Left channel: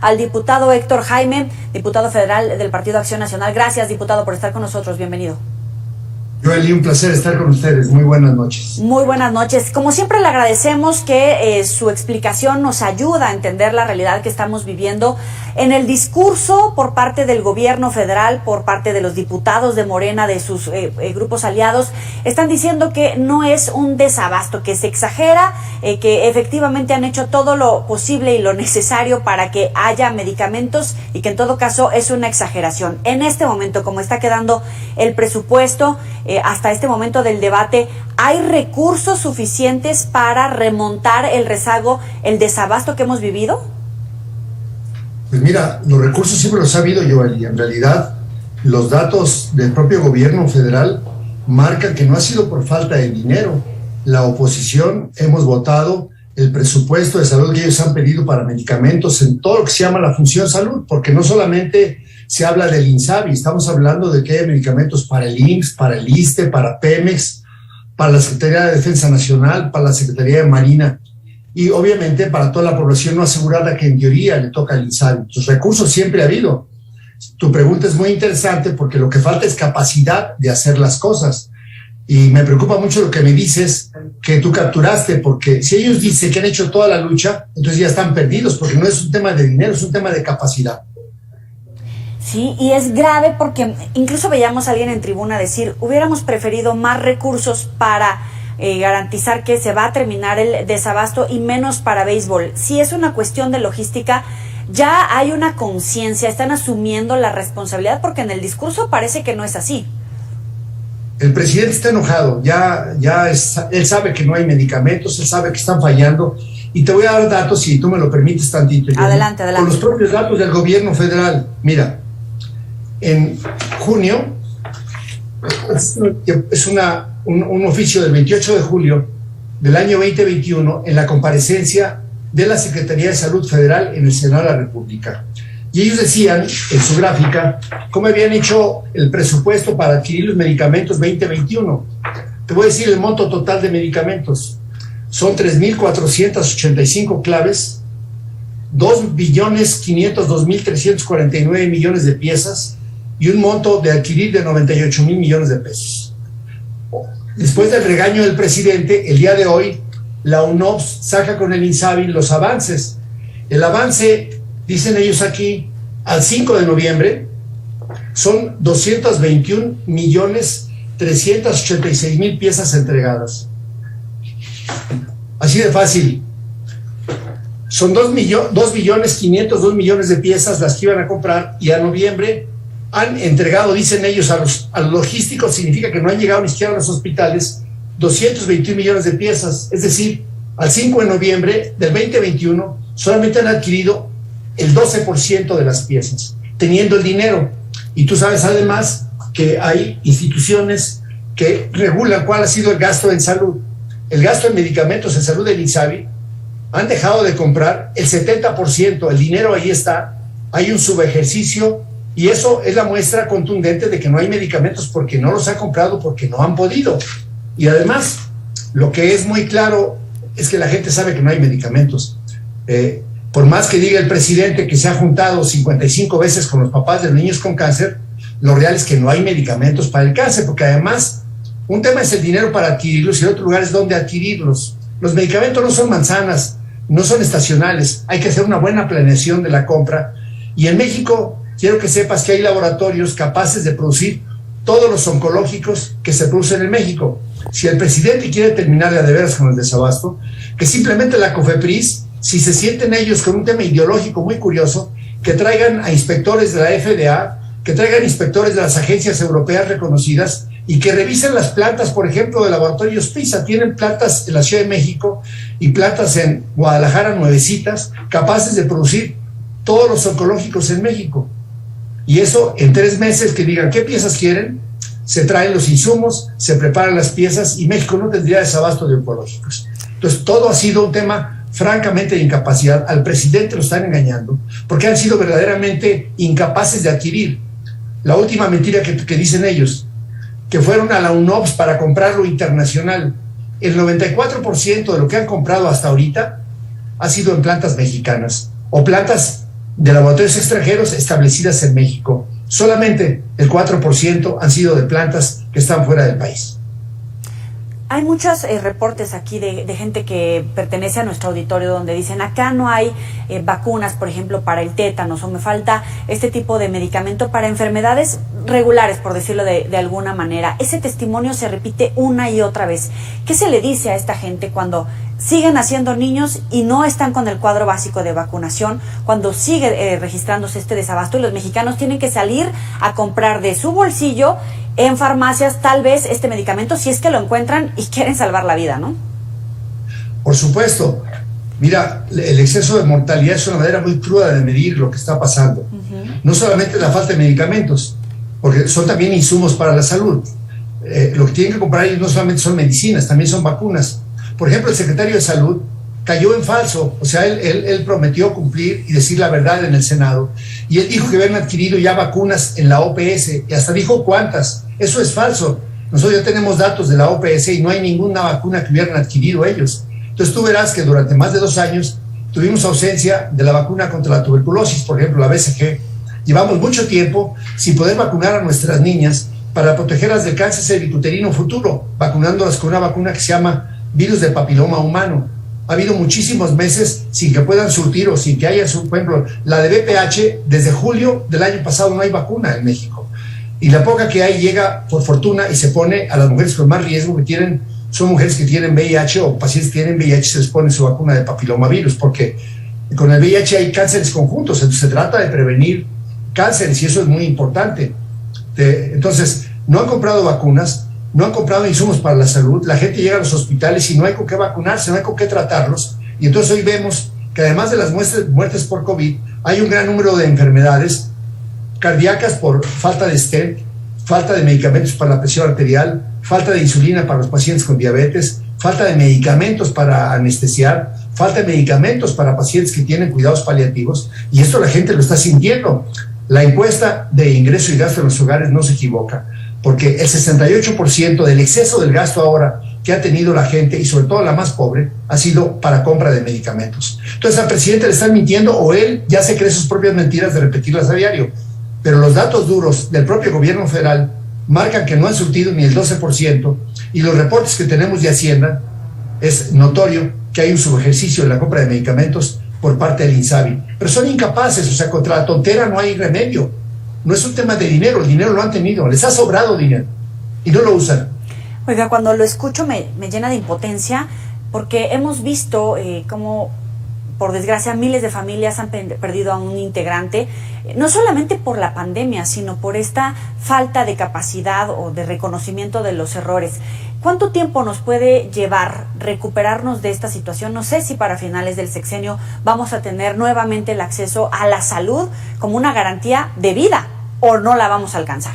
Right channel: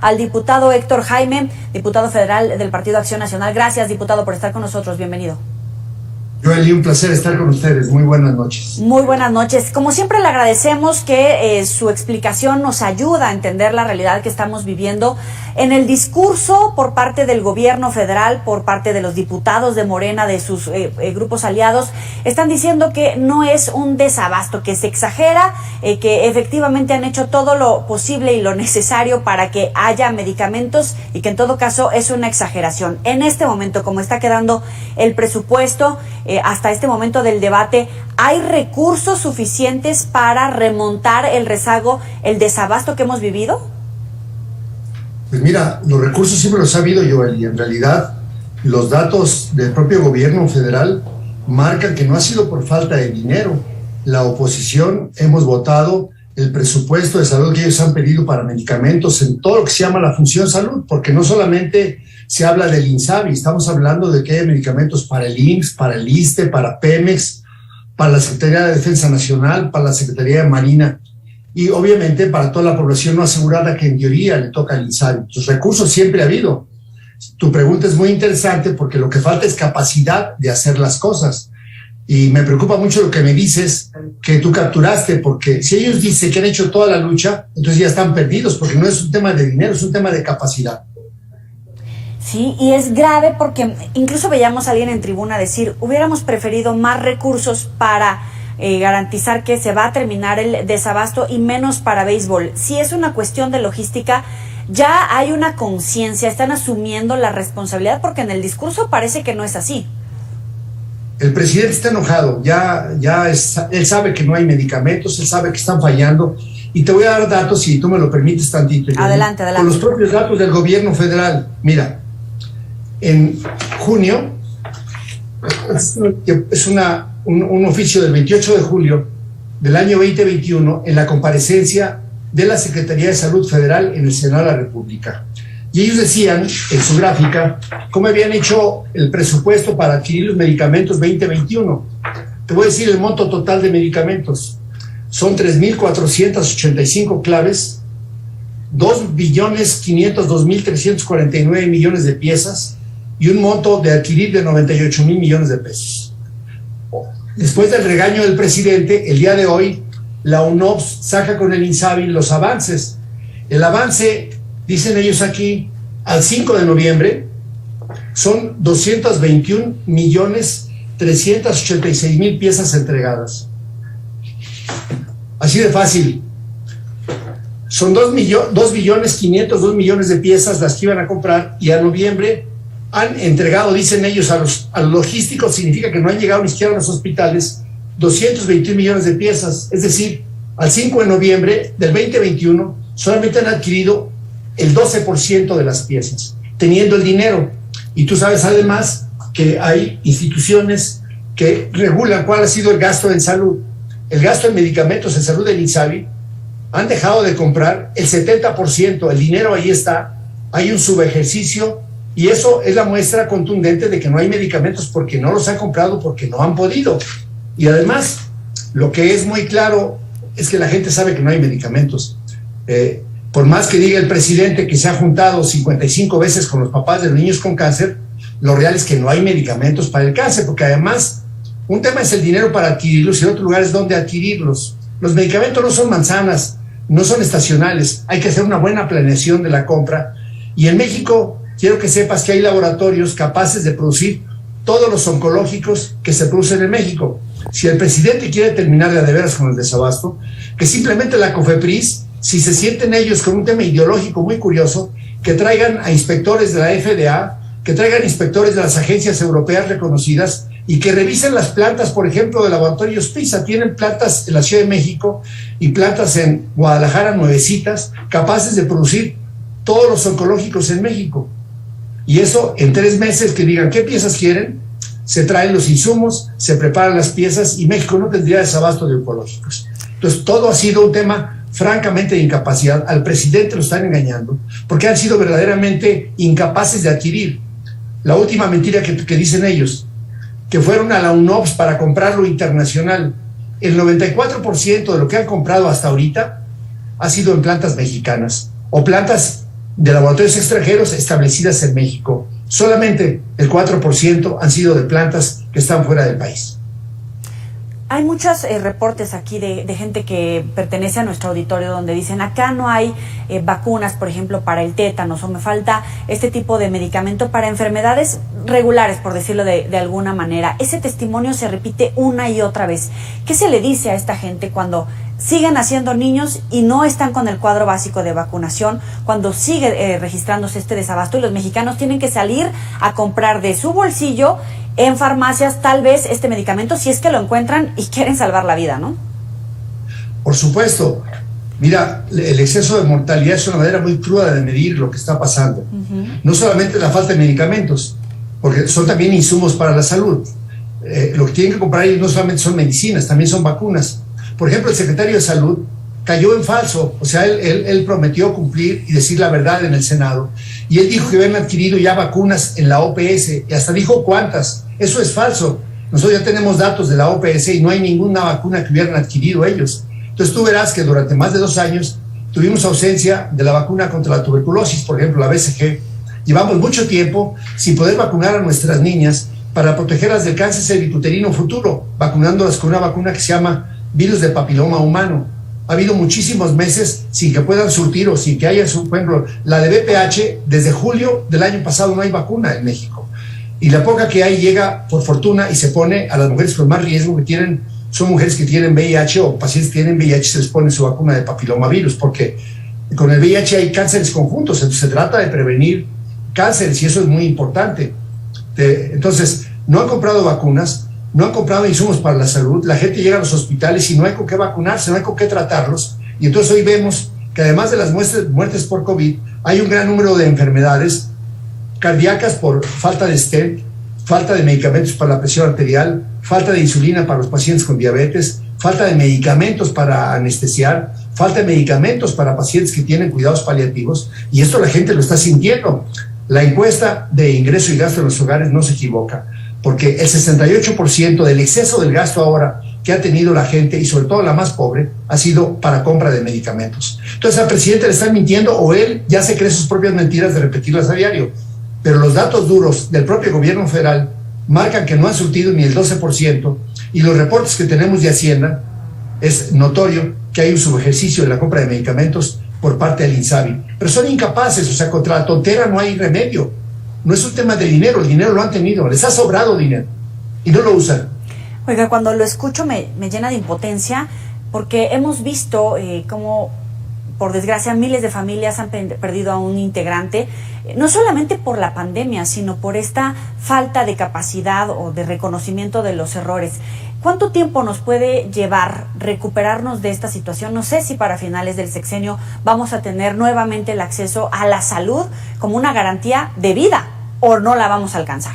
al diputado Héctor Jaime, diputado federal del Partido Acción Nacional. Gracias, diputado, por estar con nosotros. Bienvenido. Joely, un placer estar con ustedes. Muy buenas noches. Muy buenas noches. Como siempre, le agradecemos que su explicación nos ayuda a entender la realidad que estamos viviendo. En el discurso por parte del gobierno federal, por parte de los diputados de Morena, de sus grupos aliados, están diciendo que no es un desabasto, que se exagera, que efectivamente han hecho todo lo posible y lo necesario para que haya medicamentos y que en todo caso es una exageración. En este momento, como está quedando el presupuesto, hasta este momento del debate, ¿hay recursos suficientes para remontar el rezago, el desabasto que hemos vivido? Pues mira, los recursos siempre los ha habido, Joely. En realidad, los datos del propio gobierno federal marcan que no ha sido por falta de dinero. La oposición hemos votado el presupuesto de salud que ellos han pedido para medicamentos en todo lo que se llama la función salud, porque no solamente se habla del INSABI, estamos hablando de que hay medicamentos para el IMSS, para el ISSSTE, para Pemex, para la Secretaría de Defensa Nacional, para la Secretaría de Marina y obviamente para toda la población no asegurada que en teoría le toca al INSABI. Los recursos siempre ha habido. Tu pregunta es muy interesante porque lo que falta es capacidad de hacer las cosas. Y me preocupa mucho lo que me dices, que tú capturaste, porque si ellos dicen que han hecho toda la lucha, entonces ya están perdidos, porque no es un tema de dinero, es un tema de capacidad. Sí, y es grave porque incluso veíamos a alguien en tribuna decir, hubiéramos preferido más recursos para garantizar que se va a terminar el desabasto y menos para béisbol. Si es una cuestión de logística, ya hay una conciencia, están asumiendo la responsabilidad, porque en el discurso parece que no es así. El presidente está enojado, él sabe que no hay medicamentos, él sabe que están fallando, y te voy a dar datos, si tú me lo permites tantito. Adelante. Con los propios datos del gobierno federal. Mira, en junio, es un oficio del 28 de julio del año 2021, en la comparecencia de la Secretaría de Salud Federal en el Senado de la República. Y ellos decían, en su gráfica, cómo habían hecho el presupuesto para adquirir los medicamentos 2021. Te voy a decir el monto total de medicamentos. Son 3.485 claves, 2.502.349 millones de piezas y un monto de adquirir de 98,000 millones de pesos. Después del regaño del presidente, el día de hoy, la UNOPS saca con el INSABI los avances. El avance, dicen ellos aquí, al 5 de noviembre, son 221,386,000 piezas entregadas. Así de fácil. Son 2,502 millones de piezas las que iban a comprar, y a noviembre han entregado, dicen ellos, a los logísticos, significa que no han llegado ni siquiera a los hospitales, 221 millones de piezas. Es decir, al 5 de noviembre del 2021 solamente han adquirido el 12% de las piezas, teniendo el dinero. Y tú sabes además que hay instituciones que regulan cuál ha sido el gasto en salud. El gasto en medicamentos en salud del INSABI han dejado de comprar el 70%, el dinero ahí está, hay un subejercicio, y eso es la muestra contundente de que no hay medicamentos porque no los han comprado, porque no han podido. Y además, lo que es muy claro es que la gente sabe que no hay medicamentos. Por más que diga el presidente que se ha juntado 55 veces con los papás de los niños con cáncer, lo real es que no hay medicamentos para el cáncer, porque además un tema es el dinero para adquirirlos y otro lugar es dónde adquirirlos. Los medicamentos no son manzanas, no son estacionales, hay que hacer una buena planeación de la compra. Y en México, quiero que sepas que hay laboratorios capaces de producir todos los oncológicos que se producen en México. Si el presidente quiere terminar de veras con el desabasto, que simplemente la COFEPRIS, si se sienten ellos con un tema ideológico muy curioso, que traigan a inspectores de la FDA, que traigan inspectores de las agencias europeas reconocidas y que revisen las plantas, por ejemplo, de laboratorios PISA. Tienen plantas en la Ciudad de México y plantas en Guadalajara, nuevecitas, capaces de producir todos los oncológicos en México. Y eso en 3 meses, que digan qué piezas quieren, se traen los insumos, se preparan las piezas y México no tendría desabasto de oncológicos. Entonces todo ha sido un tema francamente de incapacidad. Al presidente lo están engañando porque han sido verdaderamente incapaces de adquirir. La última mentira que dicen ellos, que fueron a la UNOPS para comprar lo internacional. El 94% de lo que han comprado hasta ahorita ha sido en plantas mexicanas o plantas de laboratorios extranjeros establecidas en México. Solamente el 4% han sido de plantas que están fuera del país. Hay muchos reportes aquí de gente que pertenece a nuestro auditorio donde dicen acá no hay vacunas, por ejemplo, para el tétanos, o me falta este tipo de medicamento para enfermedades regulares, por decirlo de alguna manera. Ese testimonio se repite una y otra vez. ¿Qué se le dice a esta gente cuando siguen naciendo niños y no están con el cuadro básico de vacunación, cuando sigue registrándose este desabasto y los mexicanos tienen que salir a comprar de su bolsillo en farmacias tal vez este medicamento si es que lo encuentran y quieren salvar la vida, ¿no? Por supuesto. Mira, el exceso de mortalidad es una manera muy cruda de medir lo que está pasando. No solamente la falta de medicamentos, porque son también insumos para la salud. Lo que tienen que comprar ellos no solamente son medicinas, también son vacunas. Por ejemplo, el secretario de Salud cayó en falso, o sea, él prometió cumplir y decir la verdad en el Senado, y él dijo que habían adquirido ya vacunas en la OPS, y hasta dijo cuántas. Eso es falso. Nosotros ya tenemos datos de la OPS y no hay ninguna vacuna que hubieran adquirido ellos. Entonces tú verás que durante más de 2 años tuvimos ausencia de la vacuna contra la tuberculosis, por ejemplo, la BCG. Llevamos mucho tiempo sin poder vacunar a nuestras niñas para protegerlas del cáncer cervicuterino futuro, vacunándolas con una vacuna que se llama virus de papiloma humano. Ha habido muchísimos meses sin que puedan surtir o sin que haya, por ejemplo, la de VPH, desde julio del año pasado no hay vacuna en México. Y la poca que hay llega por fortuna y se pone a las mujeres con más riesgo son mujeres que tienen VIH o pacientes que tienen VIH, se les pone su vacuna de papilomavirus, porque con el VIH hay cánceres conjuntos, entonces se trata de prevenir cánceres y eso es muy importante. Entonces, no han comprado vacunas, no han comprado insumos para la salud, la gente llega a los hospitales y no hay con qué vacunarse, no hay con qué tratarlos, y entonces hoy vemos que además de las muertes por COVID, hay un gran número de enfermedades cardíacas por falta de stent, falta de medicamentos para la presión arterial, falta de insulina para los pacientes con diabetes, falta de medicamentos para anestesiar, falta de medicamentos para pacientes que tienen cuidados paliativos, y esto la gente lo está sintiendo. La encuesta de ingreso y gasto en los hogares no se equivoca, porque el 68% del exceso del gasto ahora que ha tenido la gente, y sobre todo la más pobre, ha sido para compra de medicamentos. Entonces al presidente le están mintiendo, o él ya se cree sus propias mentiras de repetirlas a diario. Pero los datos duros del propio gobierno federal marcan que no han surtido ni el 12%, y los reportes que tenemos de Hacienda es notorio que hay un subejercicio en la compra de medicamentos por parte del INSABI. Pero son incapaces, o sea, contra la tontera no hay remedio. No es un tema de dinero, el dinero lo han tenido, les ha sobrado dinero y no lo usan. Oiga, cuando lo escucho me llena de impotencia, porque hemos visto cómo, por desgracia, miles de familias han perdido a un integrante, no solamente por la pandemia, sino por esta falta de capacidad o de reconocimiento de los errores. ¿Cuánto tiempo nos puede llevar recuperarnos de esta situación? No sé si para finales del sexenio vamos a tener nuevamente el acceso a la salud como una garantía de vida, o no la vamos a alcanzar.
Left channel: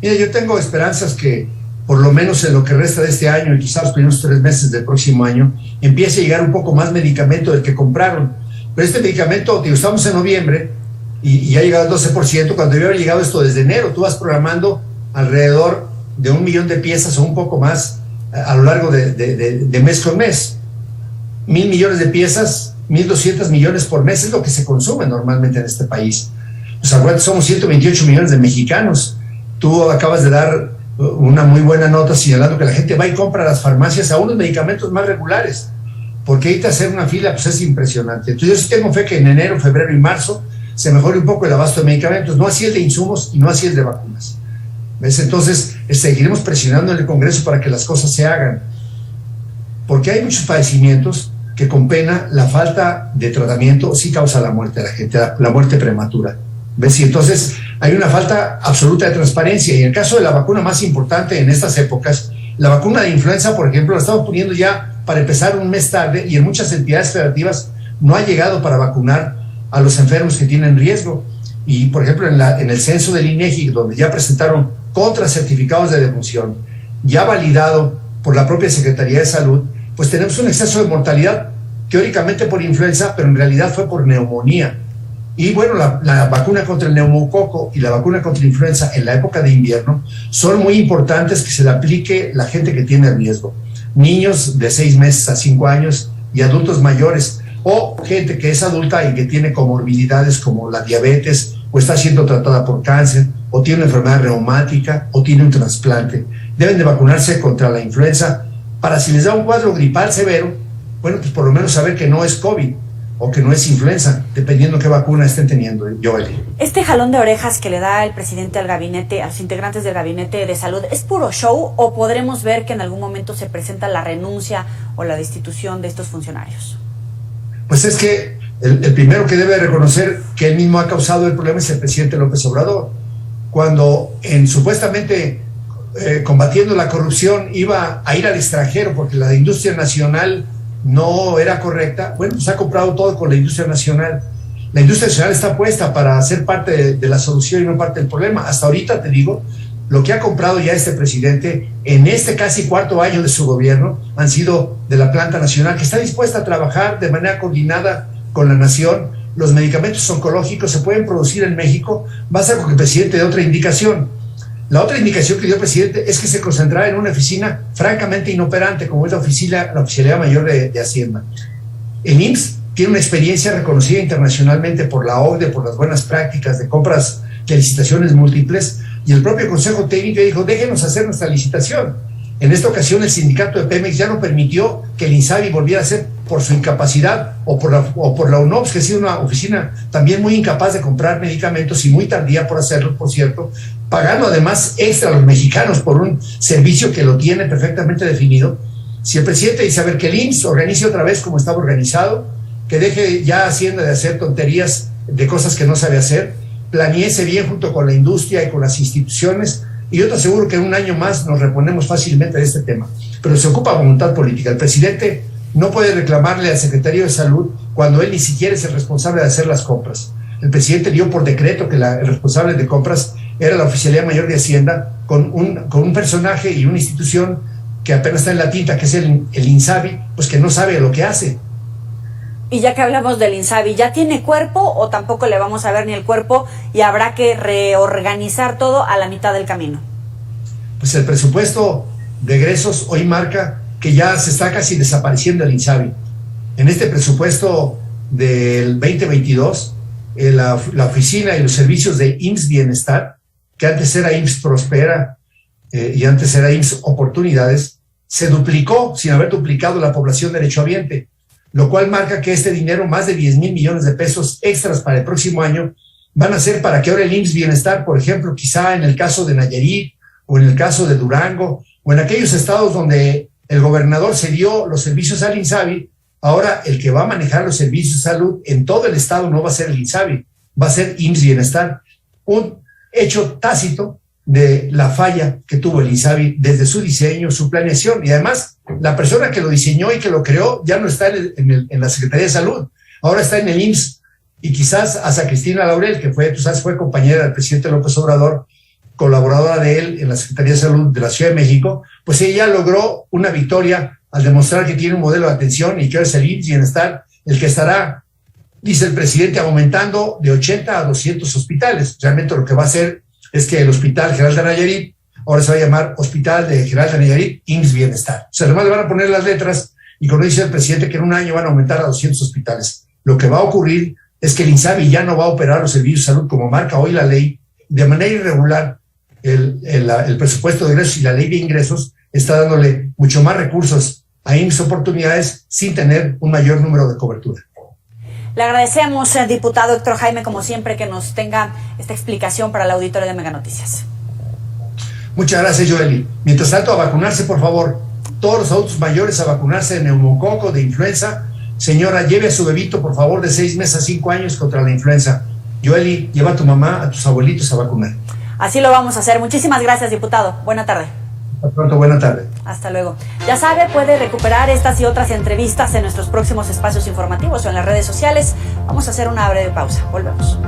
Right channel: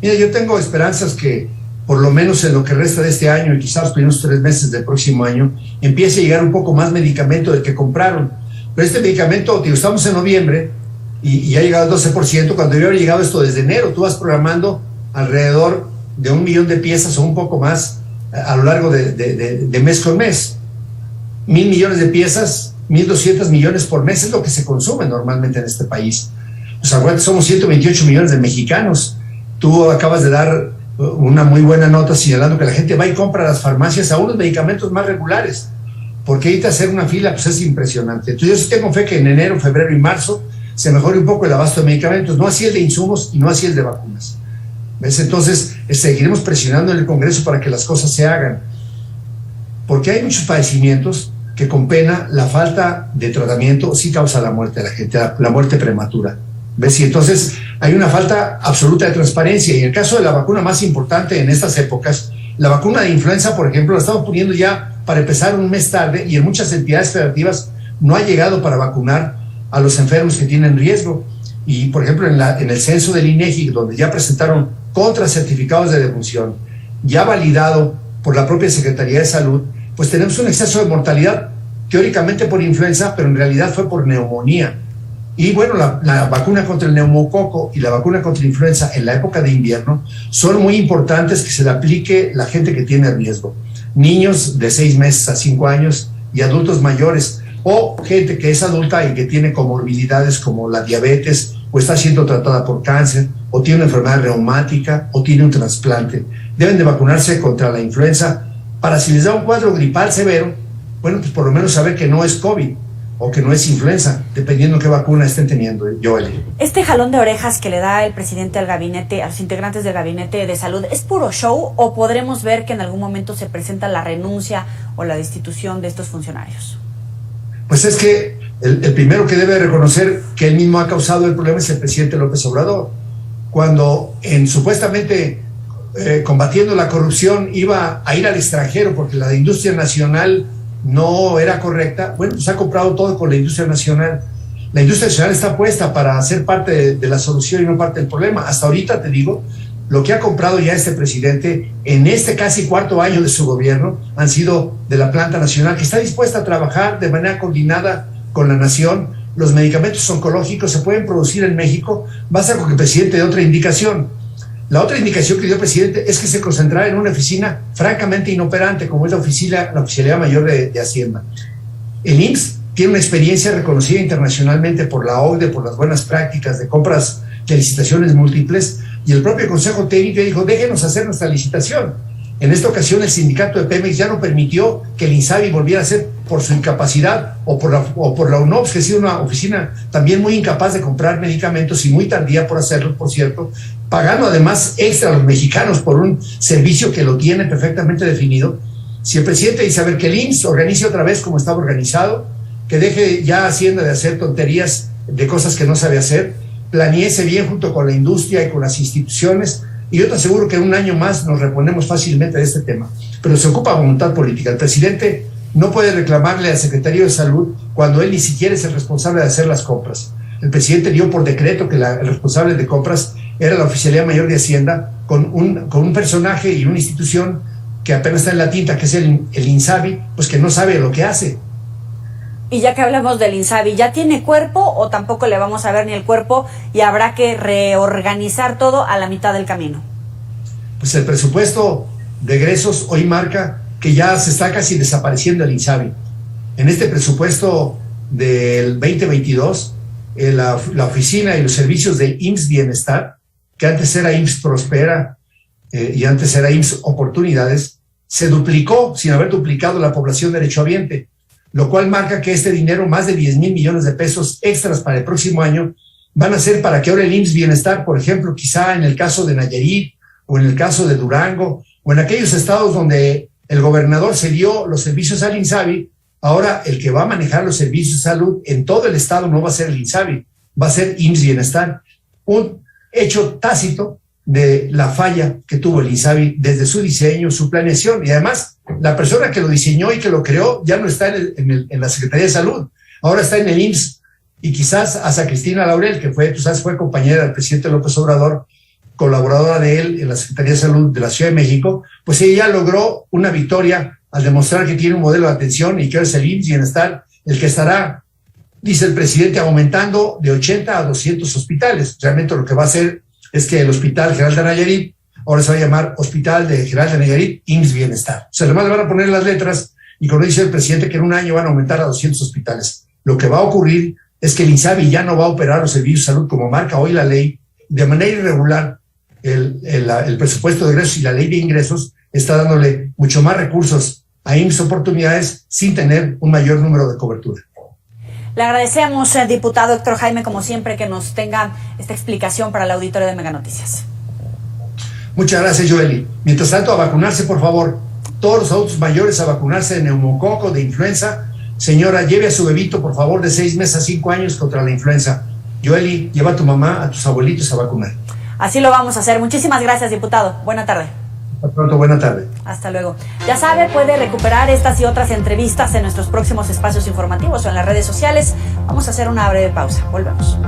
Mira, yo tengo esperanzas que por lo menos en lo que resta de este año y quizás los primeros 3 meses del próximo año empiece a llegar un poco más medicamento del que compraron. Pero este medicamento, tío, estamos en noviembre y ha llegado al 12%, cuando debe haber llegado esto desde enero. Tú vas programando alrededor de 1 millón de piezas o un poco más a lo largo de mes con mes. 1,000 millones de piezas, 1,200 millones por mes es lo que se consume normalmente en este país. Pues acuérdate, somos 128 millones de mexicanos. Tú acabas de dar una muy buena nota señalando que la gente va y compra a las farmacias a unos medicamentos más regulares, porque ahorita hacer una fila pues es impresionante. Entonces yo sí tengo fe que en enero, febrero y marzo se mejore un poco el abasto de medicamentos, no así el de insumos y no así el de vacunas. ¿Ves? Entonces seguiremos presionando en el Congreso para que las cosas se hagan, porque hay muchos padecimientos que con pena la falta de tratamiento sí causa la muerte de la gente, la muerte prematura. ¿Ves? Y entonces hay una falta absoluta de transparencia. Y en el caso de la vacuna más importante en estas épocas, la vacuna de influenza, por ejemplo, la estamos poniendo ya para empezar un mes tarde, y en muchas entidades federativas no ha llegado para vacunar a los enfermos que tienen riesgo. Y, por ejemplo, en el censo del INEGI, donde ya presentaron contracertificados de defunción, ya validado por la propia Secretaría de Salud, pues tenemos un exceso de mortalidad, teóricamente por influenza, pero en realidad fue por neumonía. Y bueno, la vacuna contra el neumococo y la vacuna contra la influenza en la época de invierno son muy importantes que se le aplique la gente que tiene riesgo. Niños de 6 meses a 5 años y adultos mayores, o gente que es adulta y que tiene comorbilidades como la diabetes, o está siendo tratada por cáncer, o tiene una enfermedad reumática, o tiene un trasplante. Deben de vacunarse contra la influenza para, si les da un cuadro gripal severo, bueno, pues por lo menos saber que no es COVID o que no es influenza, dependiendo qué vacuna estén teniendo, Joely. ¿Este jalón de orejas que le da el presidente al gabinete, a los integrantes del gabinete de salud, es puro show o podremos ver que en algún momento se presenta la renuncia o la destitución de estos funcionarios? Pues es que el primero que debe reconocer que él mismo ha causado el problema es el presidente López Obrador. Cuando supuestamente combatiendo la corrupción iba a ir al extranjero porque la industria nacional no era correcta, bueno, pues ha comprado todo con la industria nacional. La industria nacional está puesta para ser parte de la solución y no parte del problema. Hasta ahorita, te digo, lo que ha comprado ya este presidente en este casi cuarto año de su gobierno han sido de la planta nacional, que está dispuesta a trabajar de manera coordinada con la nación. Los medicamentos oncológicos se pueden producir en México, basta con que el presidente dé otra indicación. La otra indicación que dio el presidente es que se concentrara en una oficina francamente inoperante, como es la Oficialía Mayor de Hacienda. El IMSS tiene una experiencia reconocida internacionalmente por la OCDE, por las buenas prácticas de compras de licitaciones múltiples, y el propio Consejo Técnico dijo, déjenos hacer nuestra licitación. En esta ocasión el sindicato de Pemex ya no permitió que el INSABI volviera a ser por su incapacidad o por la UNOPS, que ha sido una oficina también muy incapaz de comprar medicamentos y muy tardía por hacerlo, por cierto, pagando además extra a los mexicanos por un servicio que lo tiene perfectamente definido. Si el presidente dice, a ver, que el IMSS organice otra vez como estaba organizado, que deje ya Hacienda de hacer tonterías de cosas que no sabe hacer, planeese bien junto con la industria y con las instituciones, y yo te aseguro que en un año más nos reponemos fácilmente de este tema. Pero se ocupa voluntad política. El presidente no puede reclamarle al secretario de Salud cuando él ni siquiera es el responsable de hacer las compras. El presidente dio por decreto que el responsable de compras era la Oficialía Mayor de Hacienda, con un personaje y una institución que apenas está en la tinta, que es el INSABI, pues que no sabe lo que hace. Y ya que hablamos del INSABI, ¿ya tiene cuerpo o tampoco le vamos a ver ni el cuerpo y habrá que reorganizar todo a la mitad del camino? Pues el presupuesto de egresos hoy marca que ya se está casi desapareciendo el INSABI. En este presupuesto del 2022, la oficina y los servicios de IMSS Bienestar, que antes era IMSS Prospera y antes era IMSS Oportunidades, se duplicó sin haber duplicado la población derechohabiente, lo cual marca que este dinero, más de 10,000 millones de pesos extras para el próximo año, van a ser para que ahora el IMSS Bienestar, por ejemplo, quizá en el caso de Nayarit, o en el caso de Durango, o en aquellos estados donde el gobernador cedió los servicios al INSABI, ahora el que va a manejar los servicios de salud en todo el estado no va a ser el INSABI, va a ser IMSS Bienestar. Un hecho tácito de la falla que tuvo el INSABI desde su diseño, su planeación, y además la persona que lo diseñó y que lo creó ya no está en la Secretaría de Salud, ahora está en el IMSS, y quizás hasta Cristina Laurel, que fue compañera del presidente López Obrador, colaboradora de él en la Secretaría de Salud de la Ciudad de México, pues ella logró una victoria al demostrar que tiene un modelo de atención y que ahora es el IMSS Bienestar el que estará, dice el presidente, aumentando de 80 a 200 hospitales. Realmente lo que va a hacer es que el Hospital General de Nayarit ahora se va a llamar Hospital General de Nayarit IMSS Bienestar. O sea, además le van a poner las letras y como dice el presidente que en un año van a aumentar a 200 hospitales. Lo que va a ocurrir es que el INSABI ya no va a operar los servicios de salud como marca hoy la ley. De manera irregular, el presupuesto de egresos y la ley de ingresos está dándole mucho más recursos a IMSS Oportunidades sin tener un mayor número de cobertura. Le agradecemos, diputado Héctor Jaime, como siempre, que nos tenga esta explicación para el auditorio de Mega Noticias. Muchas gracias, Joely. Mientras tanto, a vacunarse, por favor. Todos los adultos mayores a vacunarse de neumococo, de influenza. Señora, lleve a su bebito, por favor, de 6 meses a 5 años contra la influenza. Joely, lleva a tu mamá, a tus abuelitos a vacunar. Así lo vamos a hacer. Muchísimas gracias, diputado. Buena tarde. Hasta pronto, buena tarde. Hasta luego. Ya sabe, puede recuperar estas y otras entrevistas en nuestros próximos espacios informativos o en las redes sociales. Vamos a hacer una breve pausa. Volvemos.